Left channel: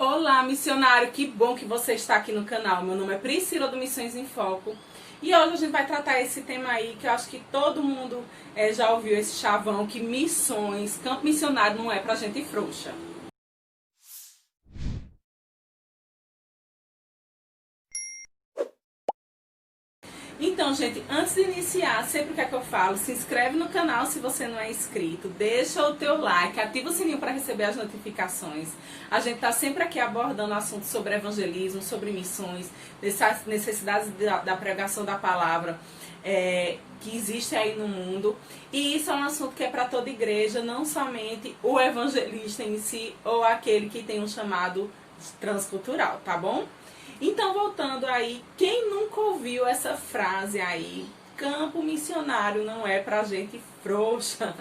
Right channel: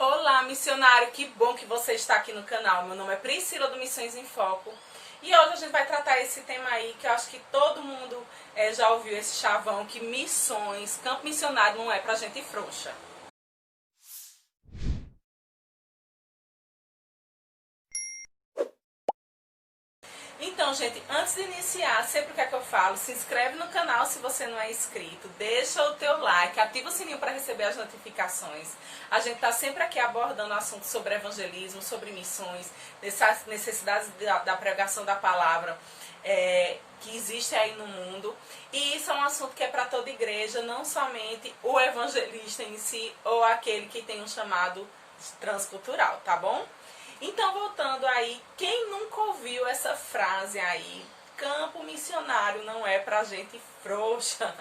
Olá, missionário, que bom que você está aqui no canal. Meu nome é Priscila do Missões em Foco e hoje a gente vai tratar esse tema aí que eu acho que todo mundo já ouviu esse chavão, que missões, campo missionário não é pra gente frouxa. Então, gente, antes de iniciar, sempre o que é que eu falo? Se inscreve no canal se você não é inscrito, deixa o teu like, ativa o sininho para receber as notificações. A gente tá sempre aqui abordando assuntos sobre evangelismo, sobre missões, necessidades da pregação da palavra que existe aí no mundo. E isso é um assunto que é para toda igreja, não somente o evangelista em si ou aquele que tem um chamado transcultural, tá bom? Então, voltando aí, quem nunca ouviu essa frase aí? Campo missionário não é pra gente frouxa.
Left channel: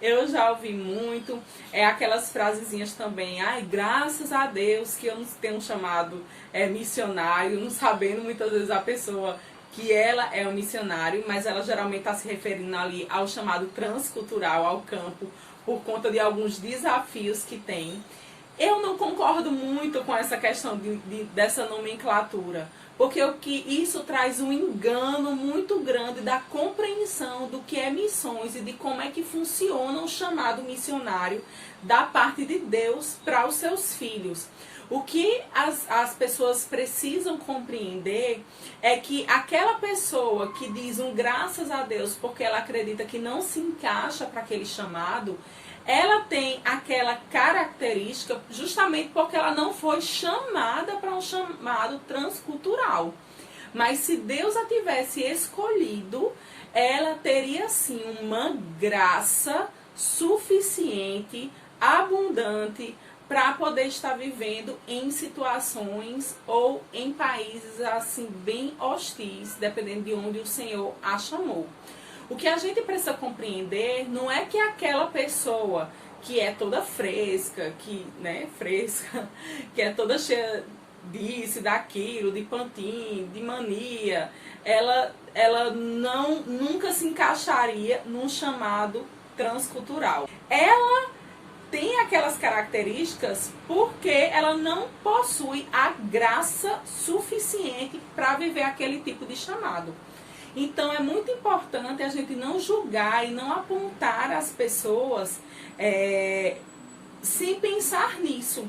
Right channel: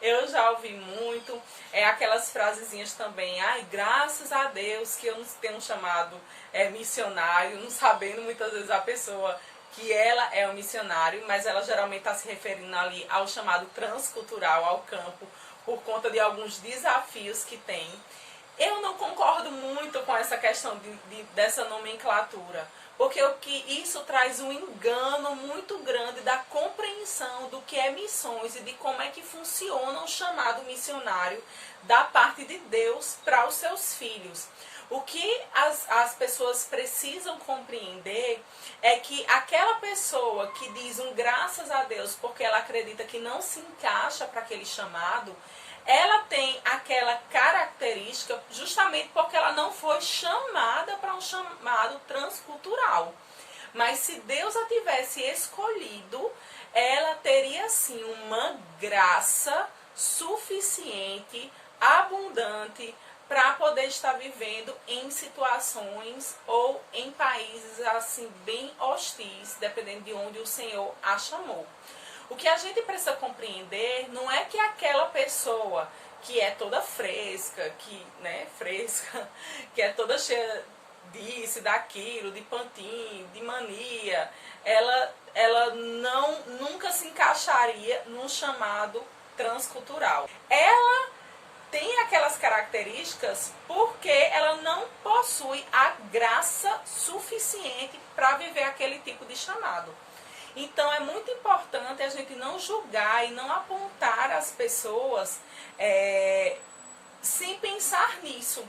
Eu já ouvi muito, aquelas frasezinhas também. Ai, graças a Deus que eu não tenho chamado missionário, não sabendo muitas vezes a pessoa que ela é um missionário, mas ela geralmente está se referindo ali ao chamado transcultural, ao campo, por conta de alguns desafios que tem. Eu não concordo muito com essa questão dessa nomenclatura, porque isso traz um engano muito grande da compreensão do que é missões e de como é que funciona o chamado missionário da parte de Deus para os seus filhos. O que as pessoas precisam compreender é que aquela pessoa que diz um graças a Deus porque ela acredita que não se encaixa para aquele chamado, ela tem aquela característica justamente porque ela não foi chamada para um chamado transcultural. Mas se Deus a tivesse escolhido, ela teria sim uma graça suficiente, abundante, para poder estar vivendo em situações ou em países assim bem hostis, dependendo de onde o Senhor a chamou. O que a gente precisa compreender não é que aquela pessoa que é toda fresca, que é toda cheia disso, daquilo, de pantin, de mania, ela nunca se encaixaria num chamado transcultural. Ela tem aquelas características porque ela não possui a graça suficiente para viver aquele tipo de chamado. Então é muito importante a gente não julgar e não apontar as pessoas sem pensar nisso,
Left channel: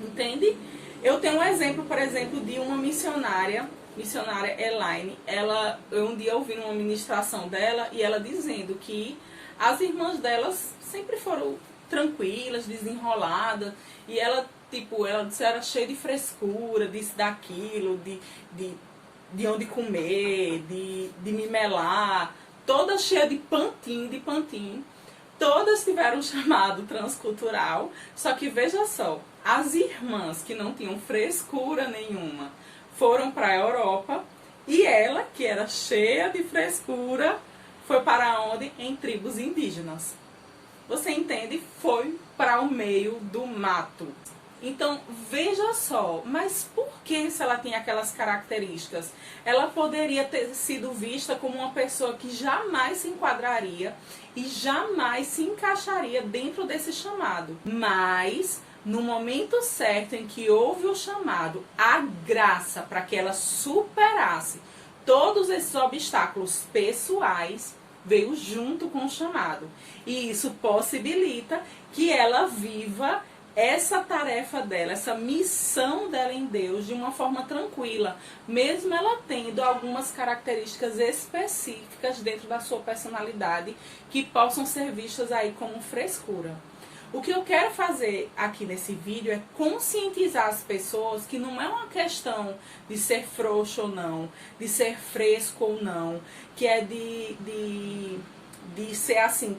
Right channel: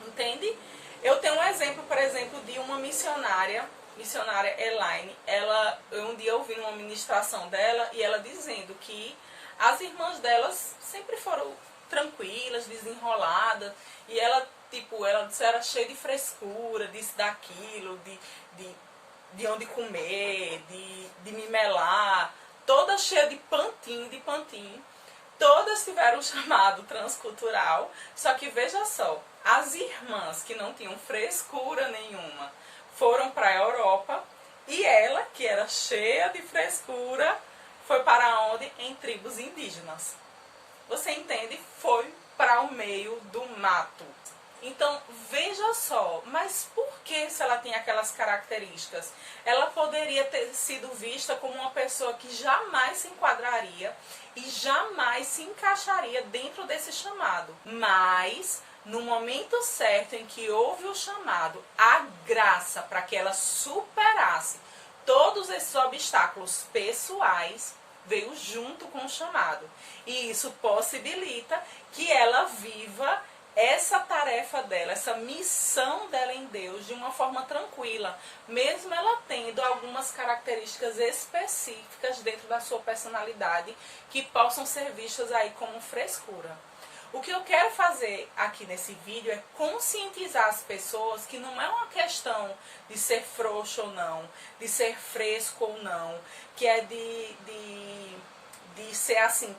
entende? Eu tenho um exemplo, por exemplo, de uma missionária Elaine. Eu um dia ouvi uma ministração dela e ela dizendo que as irmãs delas sempre foram tranquilas, desenroladas, e ela era cheia de frescura, disso, daquilo, de onde comer, de mimelar, toda cheia de pantin. Todas tiveram um chamado transcultural, só que veja só, as irmãs que não tinham frescura nenhuma foram para a Europa e ela, que era cheia de frescura, foi para onde? Em tribos indígenas. Você entende? Foi para o meio do mato. Então, veja só, mas por que se ela tem aquelas características? Ela poderia ter sido vista como uma pessoa que jamais se enquadraria e jamais se encaixaria dentro desse chamado. Mas, no momento certo em que houve o chamado, a graça para que ela superasse todos esses obstáculos pessoais, veio junto com o chamado. E isso possibilita que ela viva essa tarefa dela, essa missão dela em Deus de uma forma tranquila, mesmo ela tendo algumas características específicas dentro da sua personalidade que possam ser vistas aí como frescura. O que eu quero fazer aqui nesse vídeo é conscientizar as pessoas que não é uma questão de ser frouxo ou não, de ser fresco ou não, que é de ser assim,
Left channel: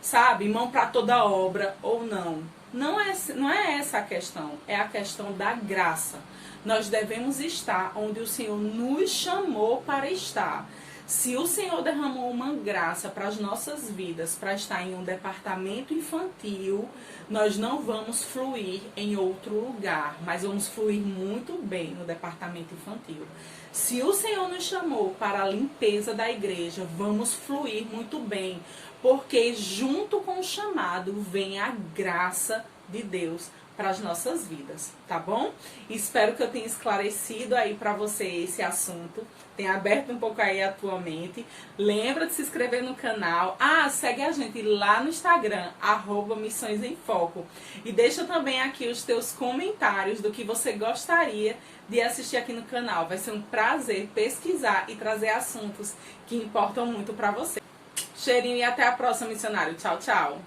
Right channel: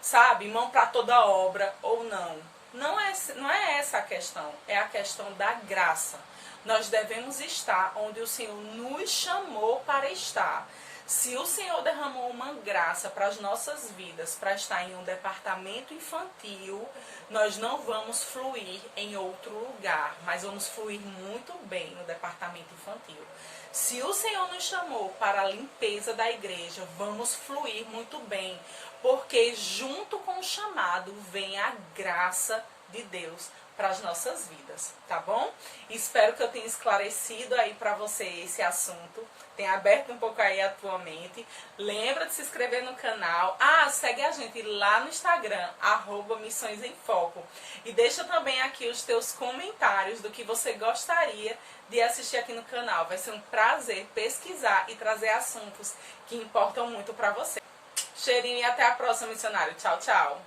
sabe, mão para toda obra ou não. Não é essa a questão, é a questão da graça. Nós devemos estar onde o Senhor nos chamou para estar. Se o Senhor derramou uma graça para as nossas vidas, para estar em um departamento infantil, nós não vamos fluir em outro lugar, mas vamos fluir muito bem no departamento infantil. Se o Senhor nos chamou para a limpeza da igreja, vamos fluir muito bem, porque junto com o chamado vem a graça de Deus para as nossas vidas, tá bom? Espero que eu tenha esclarecido aí para você esse assunto, tenha aberto um pouco aí a tua mente. Lembra de se inscrever no canal. Segue a gente lá no Instagram, @Missões em Foco. E deixa também aqui os teus comentários do que você gostaria de assistir aqui no canal. Vai ser um prazer pesquisar e trazer assuntos que importam muito para você. Cheirinho e até a próxima, missionário. Tchau, tchau.